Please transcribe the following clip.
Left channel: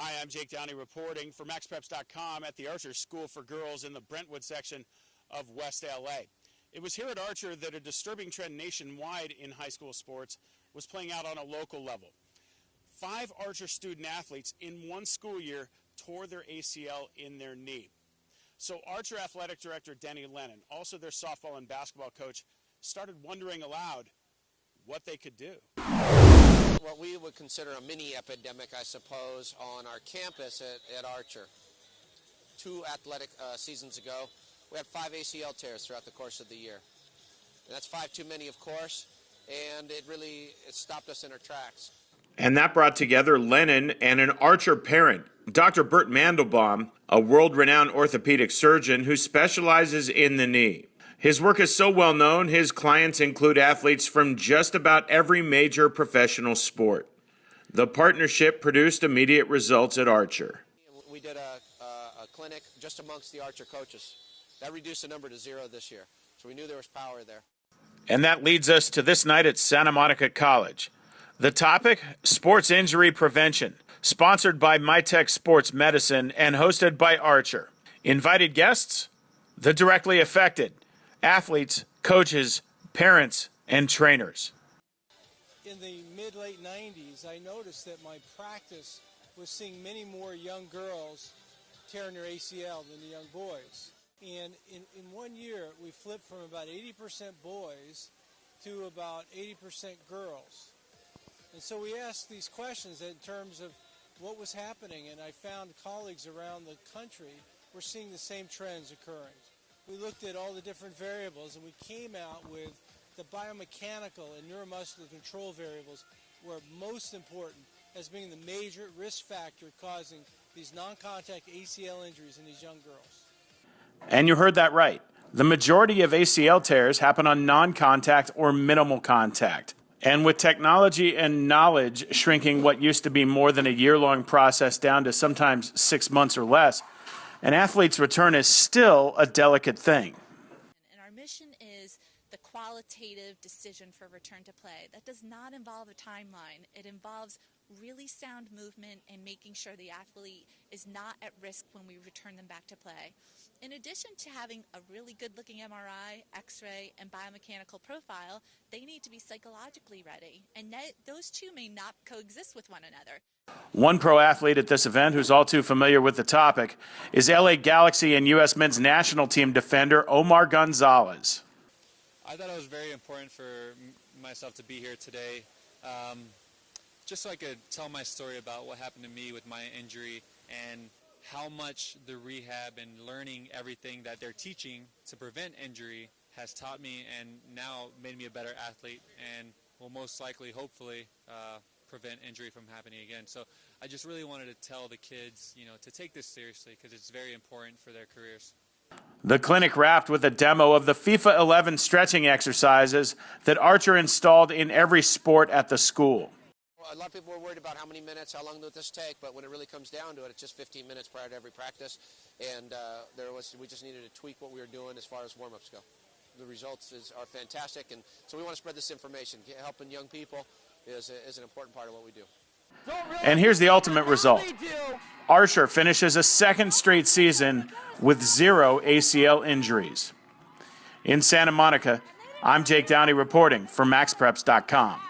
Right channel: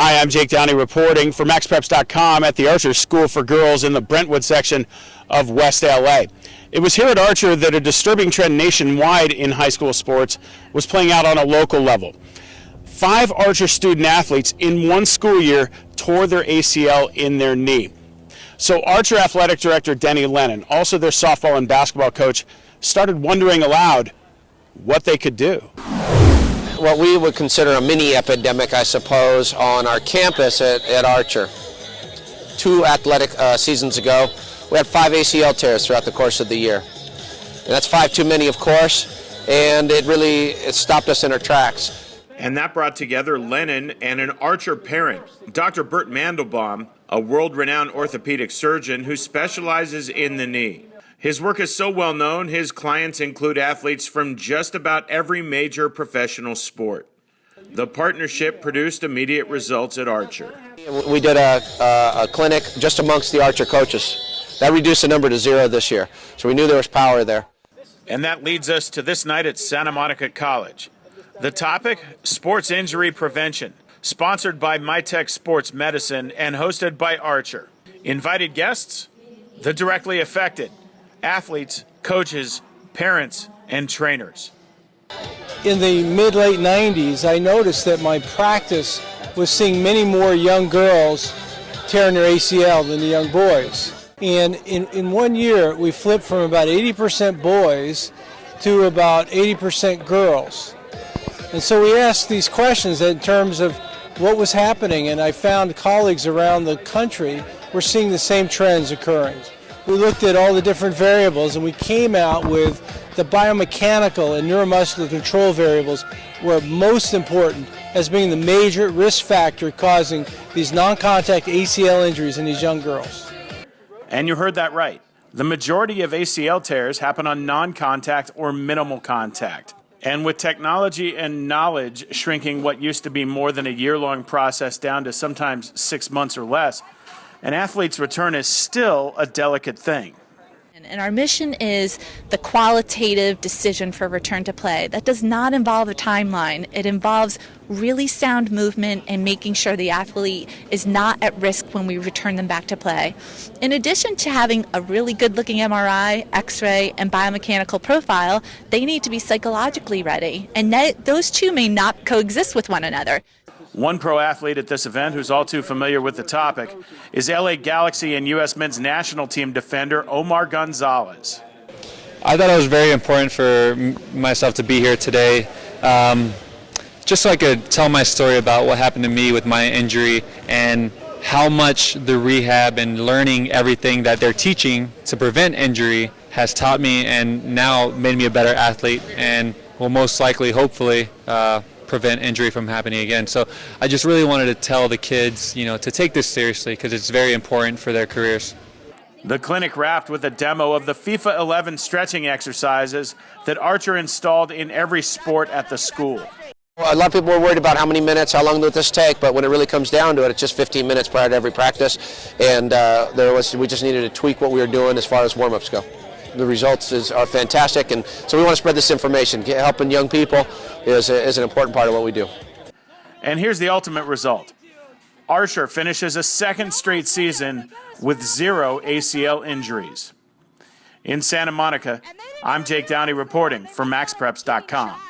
Hi, I'm Jake Downey reporting for MaxPreps.com at the Archer School for Girls in the Brentwood section of West LA. It was here at Archer that a disturbing trend nationwide in high school sports was playing out on a local level. 5 Archer student athletes in one school year tore their ACL in their knee. So Archer Athletic Director Denny Lennon, also their softball and basketball coach, started wondering aloud what they could do. What we would consider a mini epidemic, I suppose, on our campus at Archer. 2 athletic seasons ago, we had 5 ACL tears throughout the course of the year. And that's 5 too many, of course, and it stopped us in our tracks. And that brought together Lennon and an Archer parent, Dr. Bert Mandelbaum, a world-renowned orthopedic surgeon who specializes in the knee. His work is so well known, his clients include athletes from just about every major professional sport. The partnership produced immediate results at Archer. We did a clinic just amongst the Archer coaches. That reduced the number to 0 this year, so we knew there was power there. And that leads us to this night at Santa Monica College. The topic, sports injury prevention, sponsored by Mitek Sports Medicine and hosted by Archer. Invited guests, the directly affected, athletes, coaches, parents, and trainers. In the mid-late 90s, I noticed that my practice was seeing many more young girls tearing their ACL than the young boys. And in 1 year, we flipped from about 80% boys to about 80% girls. And so we asked these questions in terms of what was happening, and I found colleagues around the country were seeing the same trends occurring. We looked at all the different variables, and we came out with the biomechanical and neuromuscular control variables were most important as being the major risk factor causing these non-contact ACL injuries in these young girls. And you heard that right. The majority of ACL tears happen on non-contact or minimal contact. And with technology and knowledge shrinking what used to be more than a year-long process down to sometimes 6 months or less, an athlete's return is still a delicate thing. And our mission is the qualitative decision for return to play. That does not involve a timeline. It involves really sound movement and making sure the athlete is not at risk when we return them back to play. In addition to having a really good-looking MRI, X-ray, and biomechanical profile, they need to be psychologically ready. And those two may not coexist with one another. One pro athlete at this event who's all too familiar with the topic is LA Galaxy and U.S. men's national team defender Omar Gonzalez. I thought it was very important for myself to be here today, just so I could tell my story about what happened to me with my injury and how much the rehab and learning everything that they're teaching to prevent injury has taught me and now made me a better athlete and will most likely, hopefully, prevent injury from happening again. So I just really wanted to tell the kids, to take this seriously because it's very important for their careers. The clinic wrapped with a demo of the FIFA 11 stretching exercises that Archer installed in every sport at the school. Well, a lot of people were worried about how many minutes, how long would this take, but when it really comes down to it, it's just 15 minutes prior to every practice, and we just needed to tweak what we were doing as far as warm-ups go. The results are fantastic, and so we want to spread this information. Helping young people is an important part of what we do. And here's the ultimate result. Archer finishes a 2nd straight season with 0 ACL injuries. In Santa Monica, I'm Jake Downey reporting for MaxPreps.com.